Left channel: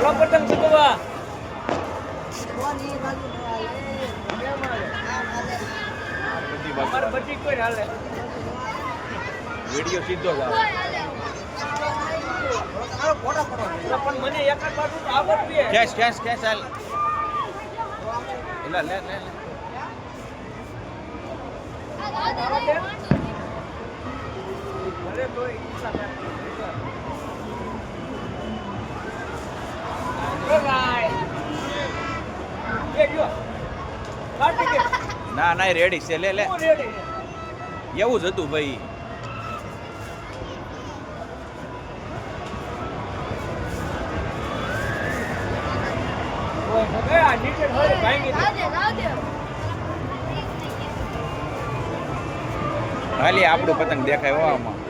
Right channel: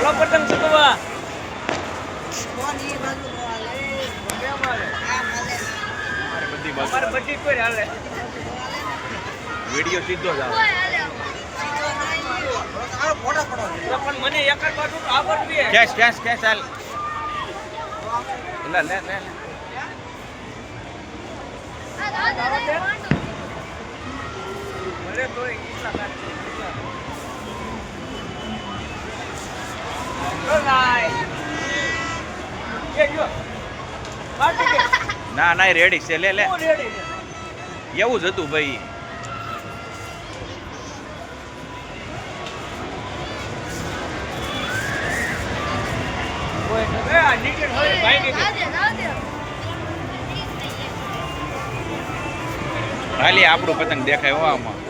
હાલો પતંગ ચગવા અમારે બધી કોઈ હાલે વિડિયો સીધો જ આવે પણ મને એક જ બાજુ આવડતું છે કેશ કેશ કેશ હાલ લે લે લે ભલે તોય કેટલા કાઢી ના ના રેડી છે લે લે રેડી એવું જ હતું ભાઈ હાલી આપણું પતંગ દેખાય હો આમાં